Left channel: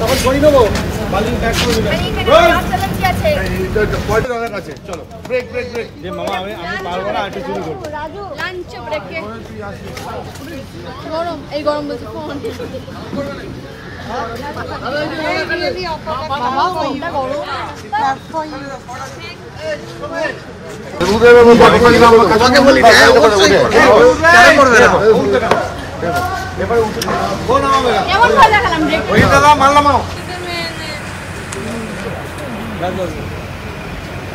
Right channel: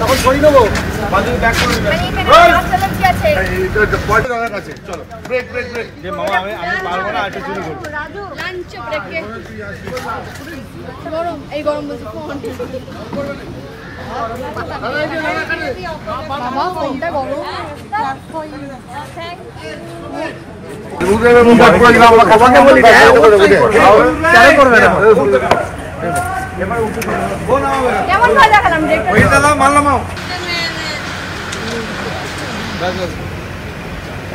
তখন সরি দেবো। চলো ব্রেক ব্রেক ব্রেক। আমি পারবো না, একটু শুরু করবো। গরম, এই গরম বলছি ফোন বাবা, ফোনটা গরম। কেমন ভালো দেখালাম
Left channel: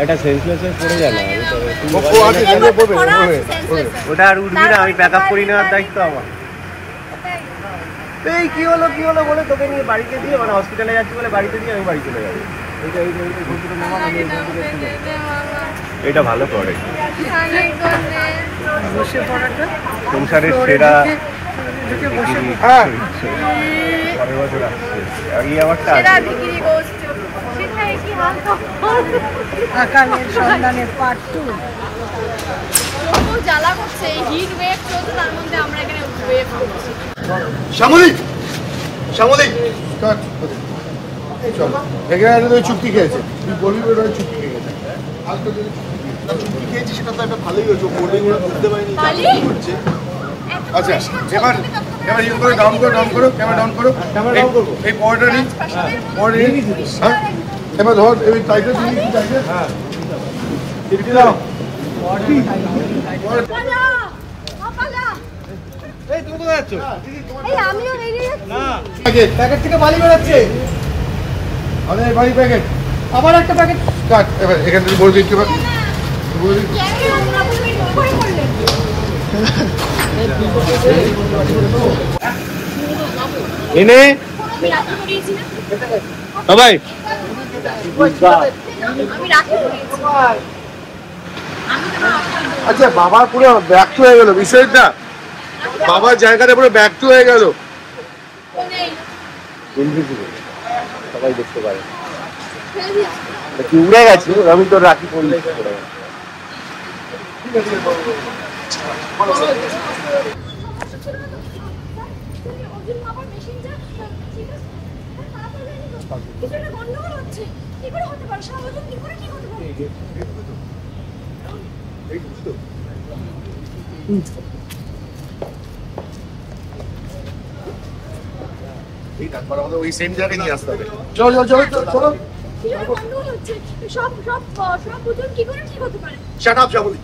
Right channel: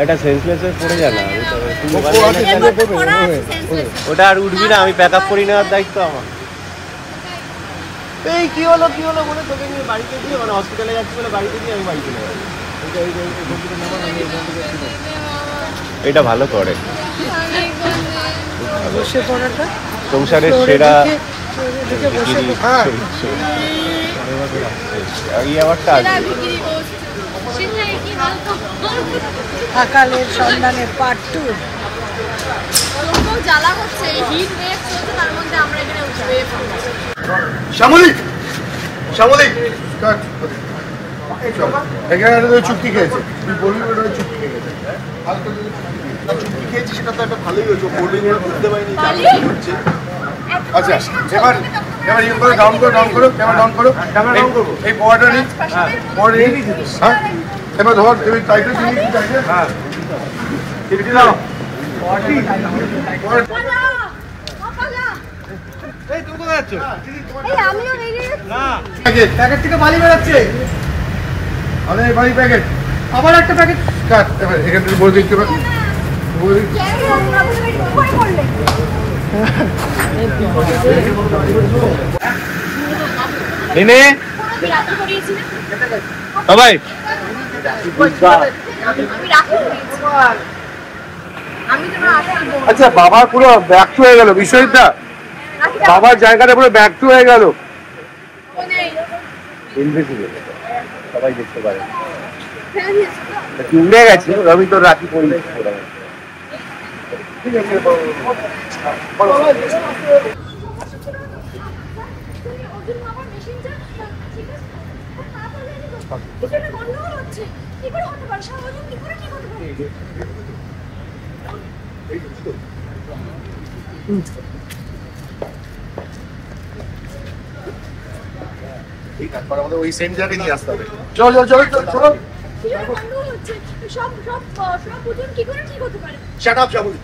এটা সেন্সলেসে পড়ে যায় না, ওটা আর উঠবি না। আমি ব্যাকআপ করে নেওয়ার দায়িত্ব আমার। এই কি হলো বলে তোকে নিয়ে বাড়িতে দিয়ে, মানে হসপিটালে যাচ্ছি বলে বাড়িতে দিয়ে আমি বাড়ি চলে যাবো। এটা ভালো করে সংসারের সেরা সকালের সন্ধানে পার্ট 2। জ্বালা করছে, হিট ওয়েভ চলছে, তার মধ্যে আমরা এখানে ওয়েভ করছি। শ্যামলী এখানে চুক্তি খেয়েছে, তুই বলবি ওটা চুক্তি খেয়ে গেছে। চুক্তি খেয়েছি সেটা তো একটা ভালোই হয়েছে, বুঝতে পারিনি হচ্ছে। আচ্ছা এবার ইয়ে করো, ডাউন করো ক্যামেরা ডাউন করো। এই পড়াটা নিই, হ্যাঁ এবার ধর এই টাইটেল হ্যাঁ প্যাকেট থেকে বালি বেরোচ্ছে। আমাদের বাড়ি প্যাকেট, আবার একটা প্যাকেট কাট। এবার এখান থেকে বলে দিতে পারি, ভাই আচ্ছা বাবা পুরো ব্যর্থ হয়ে গেল বিষয়টা, বাবার জায়গাটা পুরো ব্যর্থ হয়ে গেল। সবাই দেখতে পারে উড়ে গেছে, আমি তো রাখি পড়ি। ঠিক আছে ওই সেম জায়গায় নিয়ে আসতে হবে। চলো চলো চলো। Shut up Shyamali.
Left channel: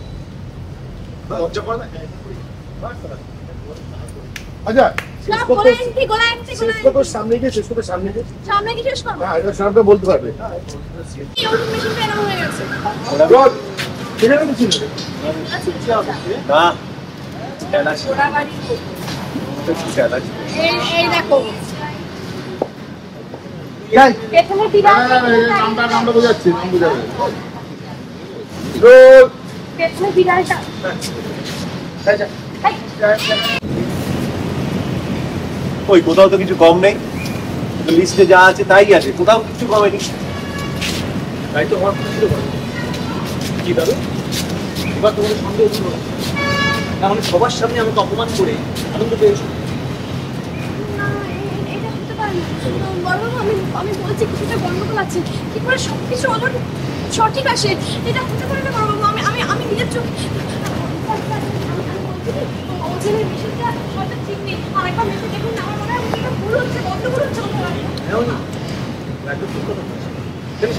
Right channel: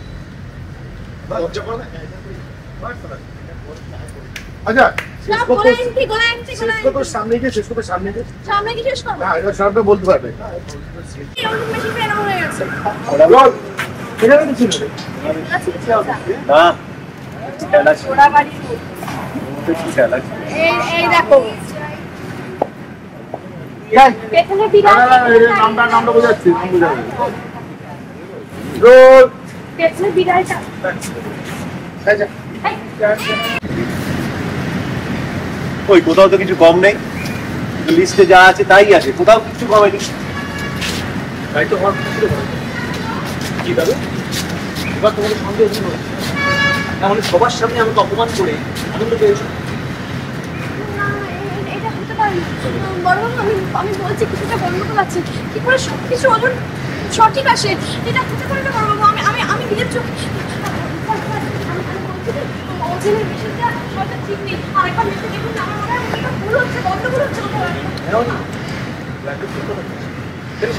আচ্ছা সামনে গিয়ে শেষ করবে, সামনে গিয়ে শেষ করবে। হ্যাঁ এটা সামনে বলতে পারবে। নামটা বোঝাচ্ছি, ওই কোথাও তো কিছু কম নেই, লিস্টে যা আছে তাই আছে, কোথাও কিছু কমেনি। তাই তো হওয়ার কি দাদা, এবার তোমাদের সন্দেহ ছিল না, মানে সবার সামনে আমাকে অপমান করে আনন্দ পেয়েছো। আমি বলছি কিছুটা গন্ডগোল আছে, কি করে সবকিছু সঠিক আসে, এটা হতে পারে না বড়বাবু। আমি নিজের চোখ ঠিক নেই, আরেকবার মেশিন দেখুন না, আমার মনে হয় ভুল হচ্ছে, গন্ডগোল হচ্ছে।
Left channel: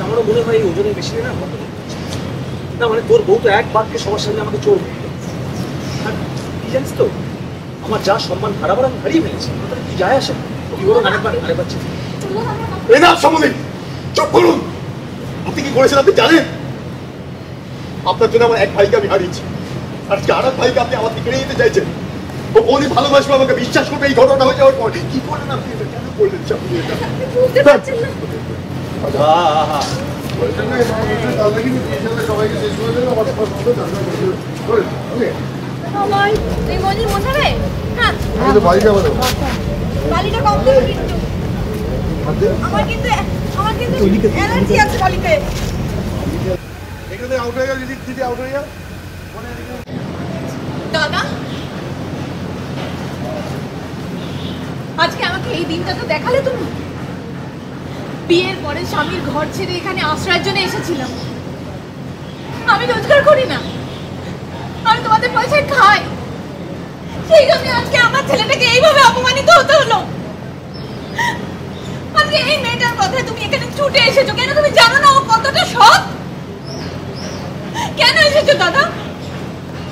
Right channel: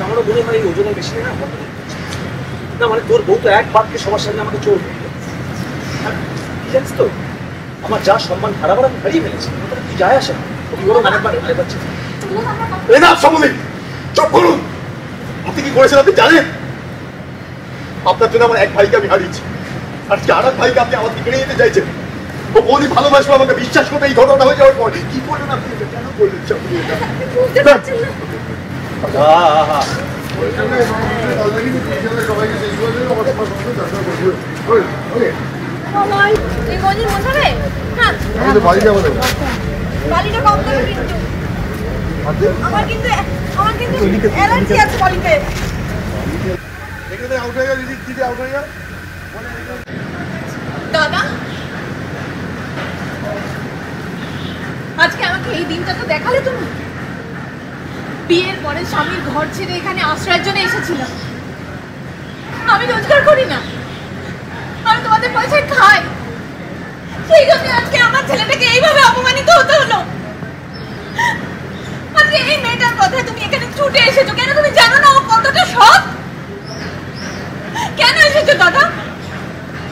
আমারও মনে হয় এই ওজনের বেশি না, না মানে তোর বউ তো এক বাক্যে সবার সামনে আমাকে চোর কি জানিস তো, আমার যা সম্মান হারাবার আমি হারিয়ে ফেলেছি, কি যায় আসে না। চুপ করুন, আপনি কি করেছেন আপনি জানেন? আপনার জন্য আমার এক ভাইকে আমি হারিয়েছি, আর আর এক ভাইকে আপনি আমাকে কেড়ে যেতে চাইছেন। ও বলি ভালোবাসবো, আমাকে বিশ্বাস করবে। এই ঘটনা হয়ে যাওয়ার পর কি করলেন আপনি, কেন করলেন? বালিটা কম দেবে কিন্তু, আমার কিন্তু অ্যালার্জি আছে বালিতে। এখানে আউট হয়ে গেল, দিদি আউট হয়ে গেল। সেই দিনটা তো দেখালে তুমি। বিয়ের পরে স্বামীর ঘর ছেড়ে এখানে আশ্রয়ের জন্য এসেছিলাম। আমি রোজগার করি না, আমি তোমাদের পয়সায় খাই, সেই জন্য আজকে আমার ছেলেটাকে এইভাবে অপমানিত হতে হলো। আজকে এই মেয়েটার কথায় তুমি এখানে ছুটে এসেছো কেন? তুমি জানো না ও কতটা সৎ? কেন এসেছো দাদা?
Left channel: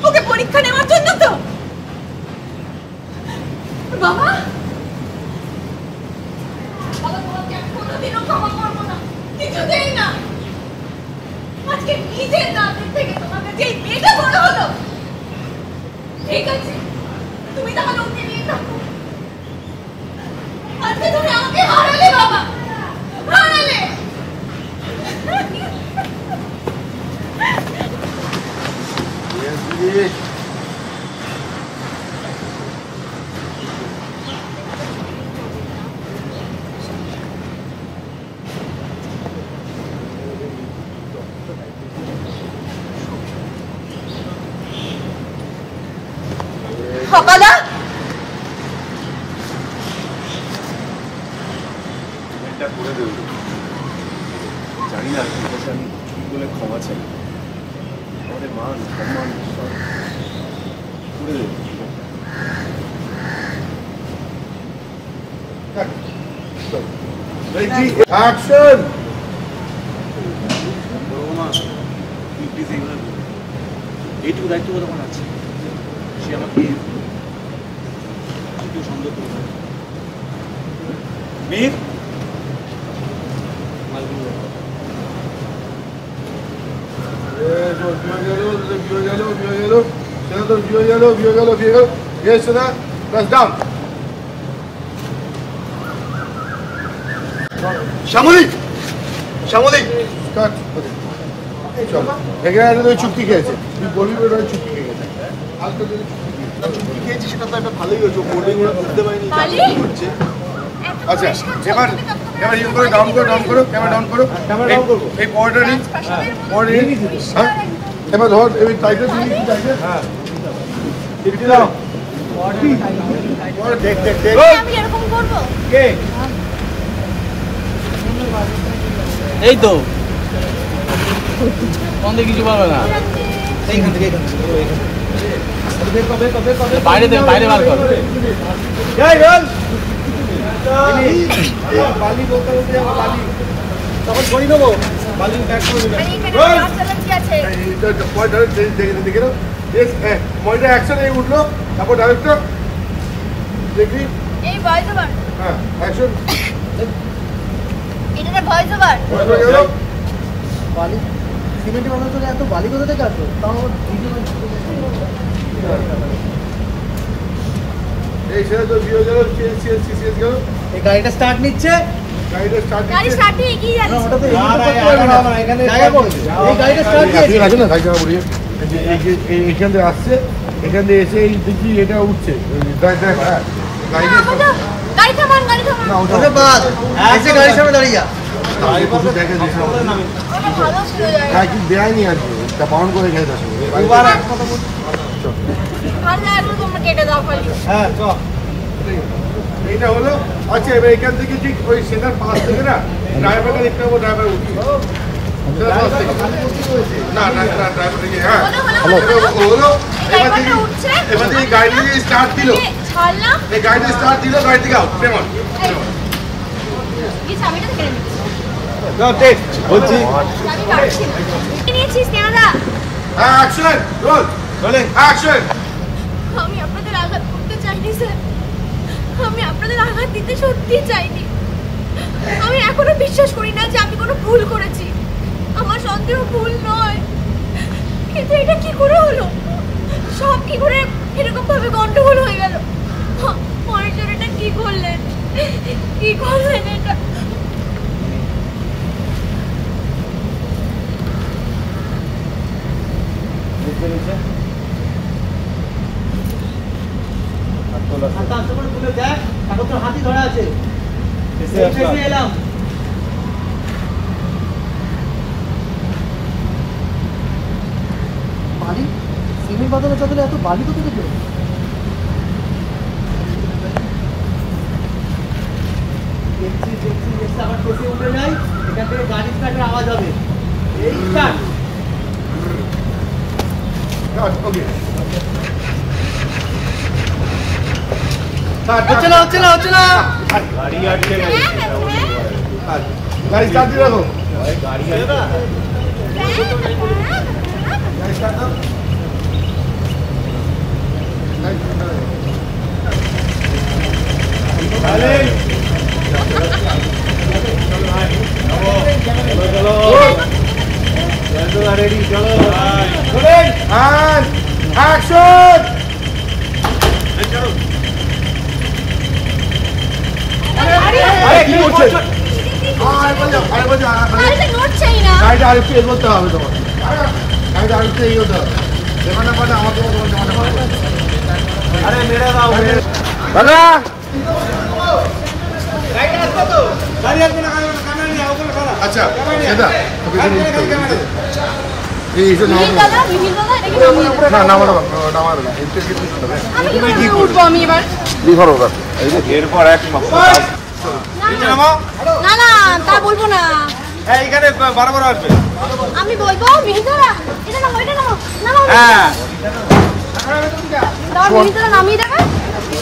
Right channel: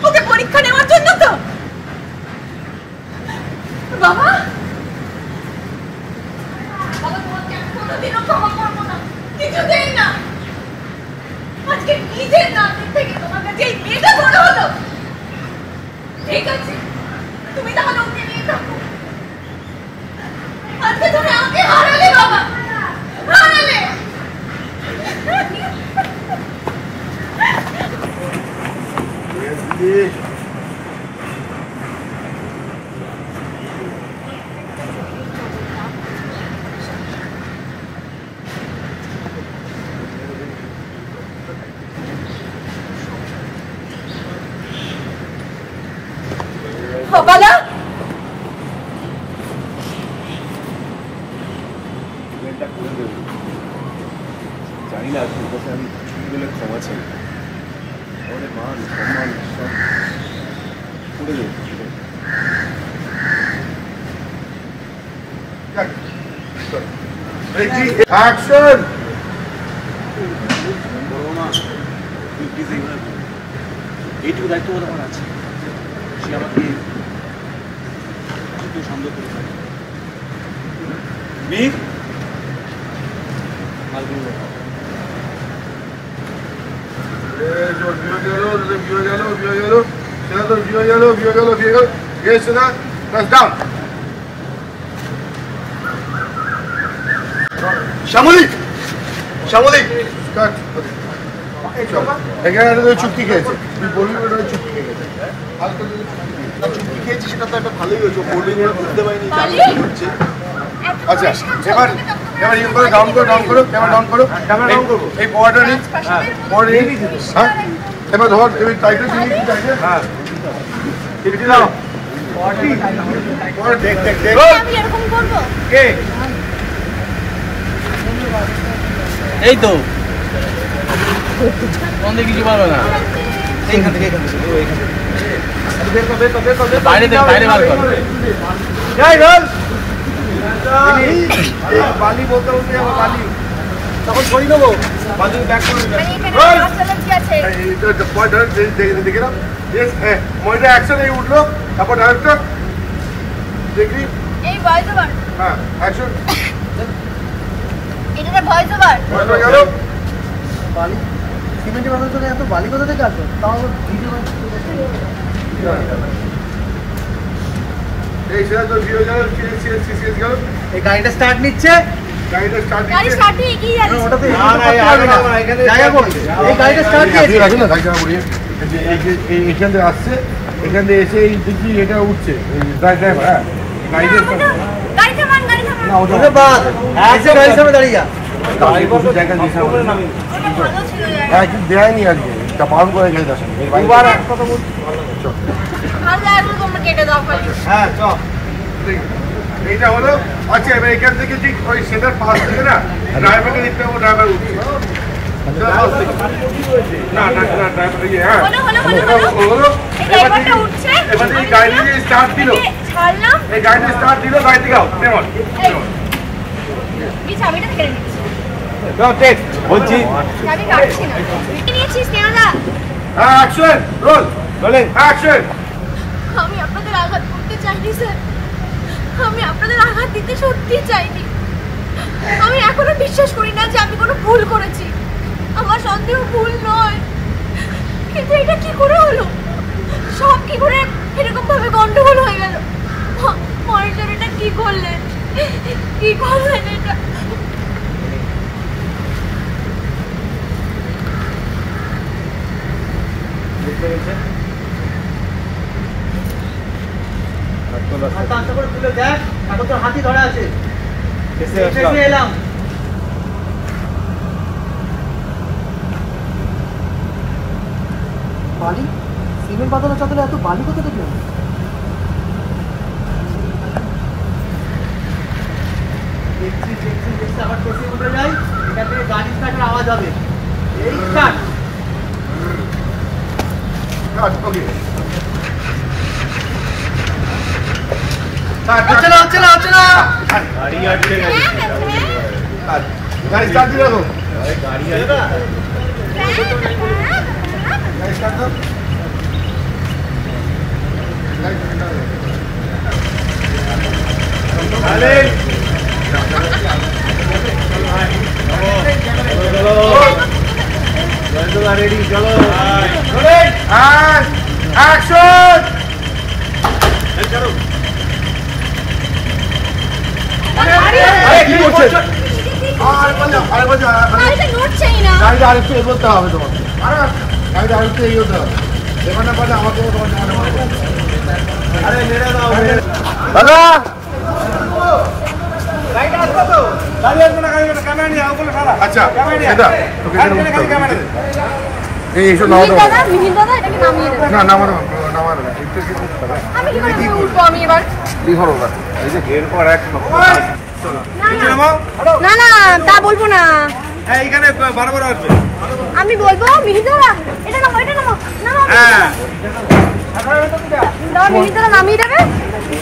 ওকে পরীক্ষা নেওয়ার জন্য তো? বাবা, তোমাকে আমি কোনোদিনও ক্ষমা করবো না, কিছুতেই না। আজকে নিজের নাতির থেকে তোমার কাছে এই মেয়েটা বড় হলো। ঠিক আছে, তুমি তাহলে ওকে নিয়ে থাকো। আজকে তুমি আমাকে হারালে বাবা, হারালে। সকালা জানি না তোর কাছে আমি চুরি বলে ক্ষমা চাই। আমাদের মান সম্মান সব করে দেবো। অ্যাকশন। এইটুকু দায়িত্ববোধ আমার আছে। সে আমাকে সন্দেহ করে মীর মালগুলো শ্যামলী, শ্যামলী, এখানে চুক্তি খেয়েছে, তুই বলবি ওটা চুক্তি খেয়েছে। চুক্তি খেয়েছি সেটা তো একটা ভালোই হয়েছে, কোল্ডিং ওরা বুঝতে পারিনি হচ্ছে। আচ্ছা, এবার এবার ইউ করে ডাউন করো, ডাউন করো, ক্যামেরা ডাউন করো, এই পড়াটা নিই, পড়া নিই। হ্যাঁ, এবার ধর এই টাইটেল দিই, টাইটেল। হ্যাঁ, ঠিক আছে। দেখ দেখ দেখ, আমি এরকম করবো? কে? এই তো বন্ধে কিছু পারবে না। এইখান থেকে বাইরে থেকে বাইরে বার কর। তখন করি দেবো বালি ব্যাক করে দেখে না মহিলা অ্যাকশনে উঠলো, তারপর ডাইরেক্টর দেখি এই ভয়েস ওভার। হ্যাঁ, অ্যাকশন। এটা ভয়েস ওভার। সিমেন্টের মাথা চলে এত বালি কোথা থেকে আসবে? তাও এই সেটা তো ভিডিও গেল, সিএস গেল, এই গাড়িটা স্টার্ট নিচ্ছে, গাড়িটা স্টার্ট গাড়ি স্টার্টে এগিয়ে যাচ্ছে। ওটাতে জায়গা বল, এই গাড়িটা স্টার্ট নিচ্ছে। রাখেন না, থাকবে না বলি। এখান থেকে আসছে, এখান থেকে এসে এই দেখি এটা উঠছে, হ্যাঁ গাড়িতে গাড়ি থামান, গাড়ি থামান। না ওটা বাদ এসে গাড়ির সামনে দাঁড়িয়ে যা। তাহলে প্রচুর জায়গা দিয়েছে আমাদের না, ভালো ছিল জায়গা। হ্যাঁ কিন্তু দেয়নি আর কি, তা বারণ করে গেছে তার সঙ্গে। আর লাগলো তোমরা কেটে দাও খালি। হ্যাঁ চল, এইটা হলো। আচ্ছা, এবার এখান থেকে ঠিক ওই সেটার পাশ থেকে না ড্রাইভারকে দেখতে পাবো, ড্রাইভার উঠছে। না না না, হ্যাঁ হলো হলো হলো হলো। এই ড্রাইভারটা উঠছে, এই গাড়ি স্টার্ট দিল, ছাড়লাম। এই গাড়ি স্টার্ট দিল, গাড়ি থেকে আউট পেমন। এই চাবিটা কেড়ে নিচ্ছি। বলছি চাবি কাটছি না। নিয়েছিস কেনাদা? হ্যাঁ, অ্যাকশন রোল, রোলিং অ্যাকশন। আমি আপনাদের আঘাত করতে চাইনি স্যার, আমি আপনাদের আঘাত দিতে সত্যি চাইনি। আমি এখনো বিশ্বাস করি না যে আমি কোনো ভুল করেছি, আমার সন্দেহ ভুল নয়। কিন্তু এটা কি করে হলো? সব কি করে এরকম ভাবে গন্ডগোল হয়ে গেল? মনিটর এটা কি করলেন, কি করলেন এটা? হাতি ধরা আছে, এলাম বালি। সিমেন্ট বাঁধানোর সাথে এত বালি কোথা থেকে? আবার বেশি উঠে যাই, এখান থেকে গাড়ি স্টার্টের আওয়াজ হবে। এই স্টার্ট। হচ্ছে না, হচ্ছে না, হচ্ছে না। গাড়ি আটকে গেছে গাড়ি স্টার্ট দিও গাড়ি আটকে গাড়ি স্টার্ট দাও গাড়ি স্টার্ট দাও চলো রেডি চলো কি করছেন গাড়িটা নড়ছেই না। গাড়িটা আরেকটু এগোতে হবে তোমাকে গাড়িটা আরেকটু এগোতে হবে যেখানে পারে আমাকে তোমার জামাটা পারবো আরে মেরে দাও দাদা আচ্ছা দাদা তোকে এখানে উঠতে হবে এই এসো মিহির দাদা, মিহির দাদা, এটাকে নামিয়ে দাও। না নামানো নামানো না একটু একটু উঠতে হবে আমি কি করে উঠবো আমি এবার? লিখো ওটা এই যে এরপর এক মাস না না, তা বলবো না। এইখানে বারবার আসবে আমি বলবো মিহির দাদা, এটা নামো, এটা নামো, নামো। হ্যাঁ দাও, মিহির দাদা নামিয়ে দেবে,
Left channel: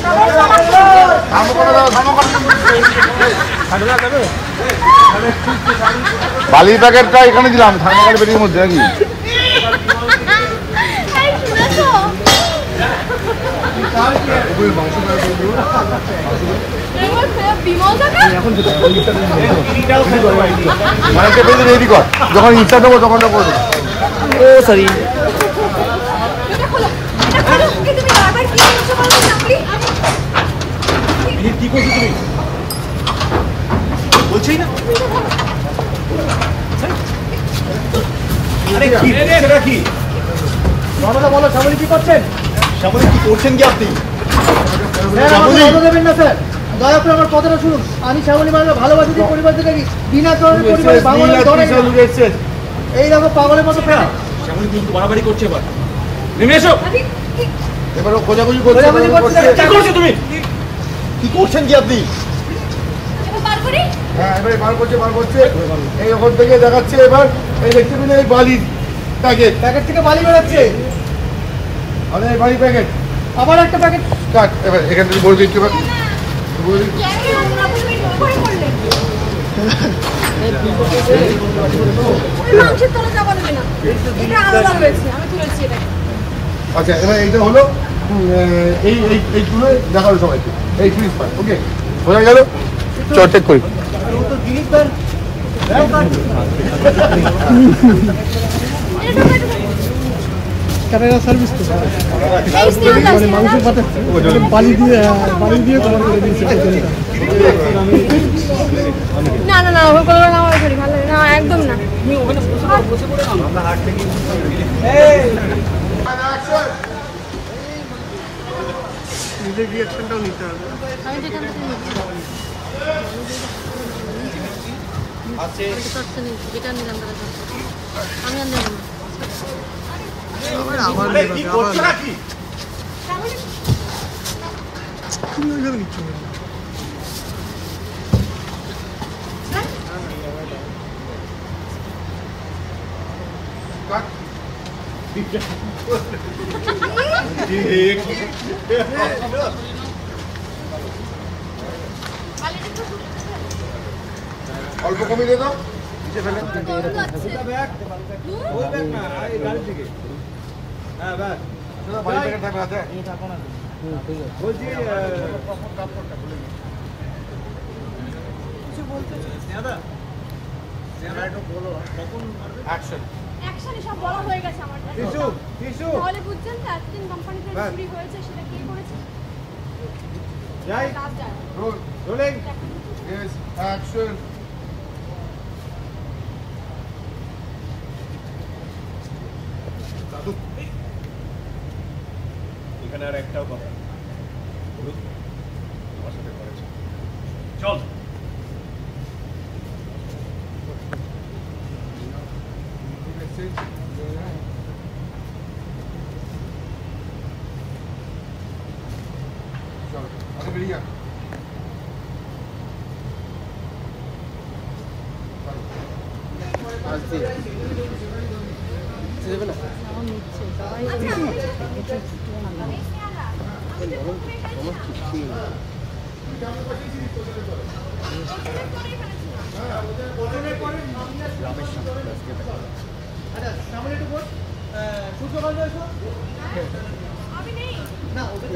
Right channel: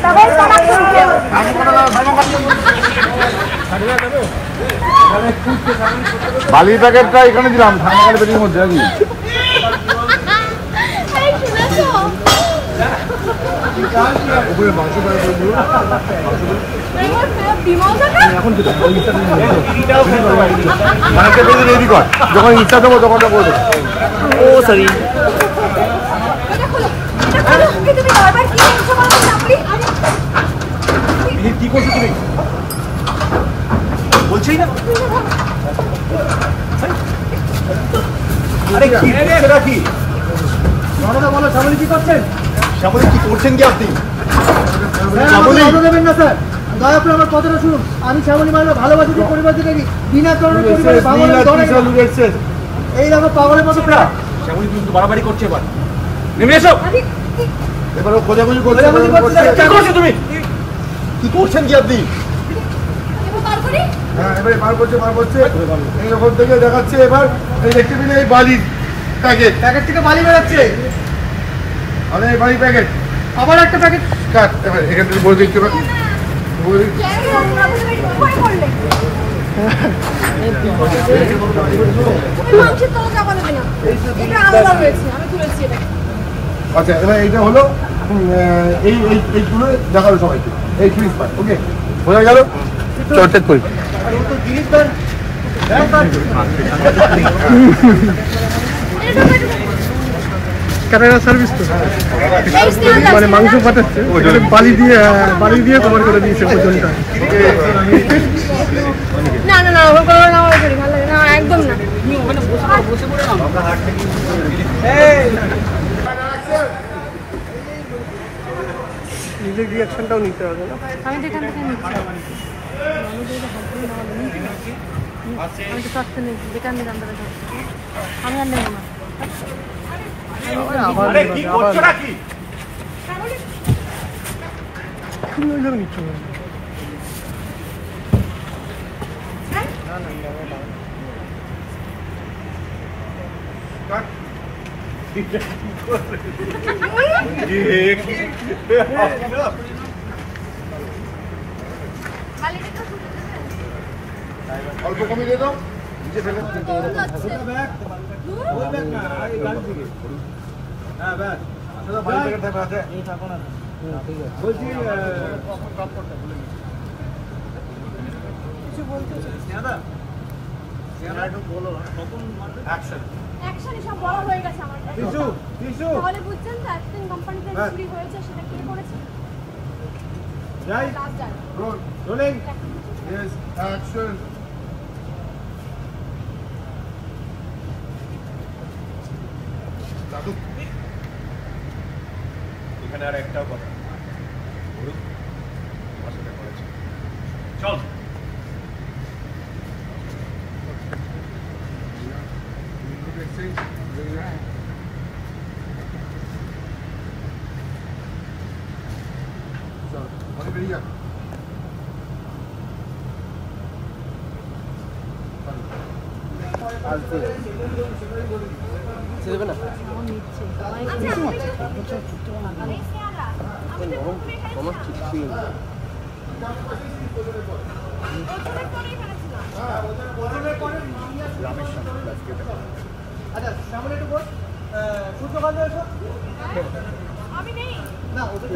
তবে সমাজ করবে। নামো করে দাও নামো করে বালির প্যাকেটটা এখানে দিলাম ঠান্ডা বেরিয়ে মধ্যে নাকি এই শুনেছো? এবার ফের দিমও থাকে? রেডি কর যখন ইচ্ছা দেবো তখন করবো ও সরি এটা খোলো, এটা খোলো। এই তুমি বারবার কি করছো বলো তো চাপড়ি? কি করছো তুমি বলছেই না আরে কি সেটা কি বলো, শ্যামলী কি করছেন? শ্যামলী কি করছেন কি আপনি শ্যামলী দেবেন না স্যার, দয়া করে আমার কথাটা শুনুন। আমি শ্যামলী মানে ভালোবাসি দিয়ে পরিবার থেকে বিনা কারণে পরিবার ভাঙনের দলে এই দেখো পাগলের মতো শ্যামলী কিন্তু বাড়াবাড়ি করছে এবার নেমে এসো এবার খোঁজাখুঁজি করছে খোঁজাখুঁজি করছে। কি করছো তুমি কি করছেন কি আপনি এবার বার করি? হ্যাঁ এবারে বার করছে এই ওখান থেকে দেখাচ্ছে এবার এই দেখতে পেলে এই বালির প্যাকেট প্যাকেট থেকে বালি বেরোচ্ছে। আরে এই বালির প্যাকেট আবার একটা প্যাকেট। কাট এবার এখান থেকে বলে দিতে পারি বলে দিচ্ছি কেন নোংরা করে বের করে করলে? তুমি মাংসের তলা চাপা দেবে না। এটা আলাদা রয়েছে, আমি তুলেছি এটাকে। আচ্ছা এবার এইটা হলো এই এই এইগুলো দেখালো সবাইকে এই ফ্রিজ পার ওকে বোঝা গেল চেক করি আর ও তো জিনিস দেন। এটা সার্ভিস তো এই স্নেহা মানে মাংস কাটাচ্ছে বালি দিয়ে তোমার করে দিয়েছে ওজনটা। না না না, ওভাবে করবে না, আমার শরীর ভালো লাগে না, একদম না। নিজের রিয়াকশনটাও নিতে হবে না? আবার নেবে, আবার তুমি ওইভাবে নিচ্ছ না। অল্প কমিয়ে দে তো নিচে ফেলে অ্যাকশন সব বড় হয়ে গেছে আমার কাছে। তাহলে বুঝছেন তো অ্যাকশন কোম্পানিতে চুরি হয়েছে সেটা কে করেছে? রাত যায়। রোলিং ইয়েস অ্যাকশন দাদু এখানে আর একটাও কথা বলুন তোমার সাথে করেছে চল আগে বেরিয়ে যা আচ্ছা আমি তো প্রথমে এখানে ছিলাম। ওজনের পরে এখানে ছিলাম। আচ্ছা সামনে একটু বল সূর্যকান্ত এসো হ্যাঁ? আমি নেই। না ওদের